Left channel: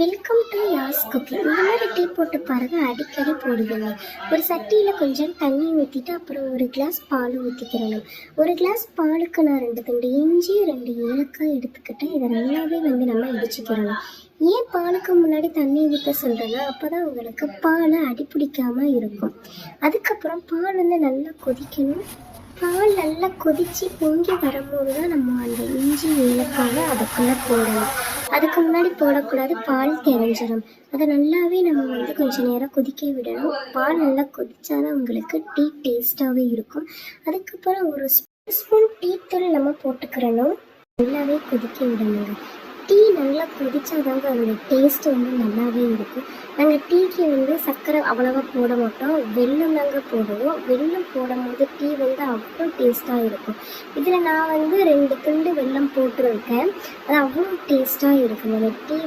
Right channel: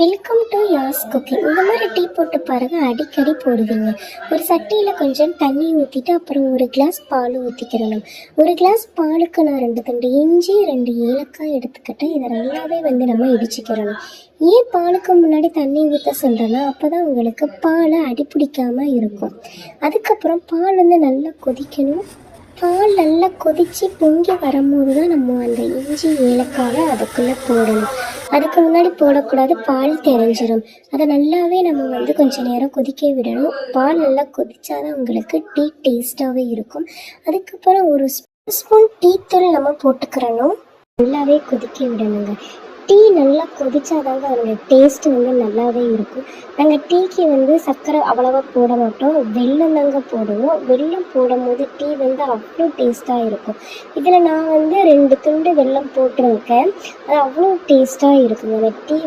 Welcome to யாஸ் cooking. இந்த மாதிரி tea போட்டு பாருங்க, அடிக்கடி போடுவீங்க. ஒரு சட்டியில் கொஞ்சம் தண்ணி ஊற்றிட்டு அப்புறம் ஒரு கிளாஸ் பால் ஊற்றிக்கிறணும். ஒரு கிளாஸ் பாலுக்கு நான் 2 துண்டு இஞ்சி 2 ஏலக்காய் எடுத்துக்கிட்டேன். இதை நல்லாவே நம்ம இடிச்சுக்கிறணும். ஏன் பாலுக்கு முன்னாடி தண்ணி ஊற்ற சொல்கிறேன்னா, அப்போ தான் உங்களுக்கு பால் அடிப்பிடிக்காமல் இருக்கும். அதுக்கப்புறம் பால் நல்லா கொதிக்கணும். பால் நல்லா கொதித்து பொங்கி வரும்போது தான் நம்ம அந்த இஞ்சி ஏலக்காவை அதுக்குள்ளே போடணும். அதுக்கு முன்னாடி போடக்கூடாது, பால் தெரிஞ்சிடும். அதை நல்லாவே நம்ம கொஞ்சம் நேரம் கொதிக்க விடணும். பால் நல்லா கொதிச்சாதான் உங்களுக்கு டீ டேஸ்ட்டாகவே இருக்கும். அதுக்கப்புறம் ஒரு ஸ்பூன் டீ தூள் நம்ம போட்டுக்கிறணும். நல்லாவே கொதிக்க விடணுங்க. டீ நல்லா கொதிச்சாதாங்க அதோட டேஸ்ட்டு நல்லாவே இருக்கும். நாங்கள் டீக்கு சர்க்கரை அவ்வளவா போட மாட்டோம், வெல்லம் தாங்க போடுவோம். வெல்லம் போடும்போது டீ அவ்வளோ டேஸ்ட்டாக இருக்கும். இதில் நான் 2 துண்டு வெல்லம் போட்டிருக்கேன். அது அவ்வளோ டேஸ்ட்டாக இருக்குங்க. அந்த டீ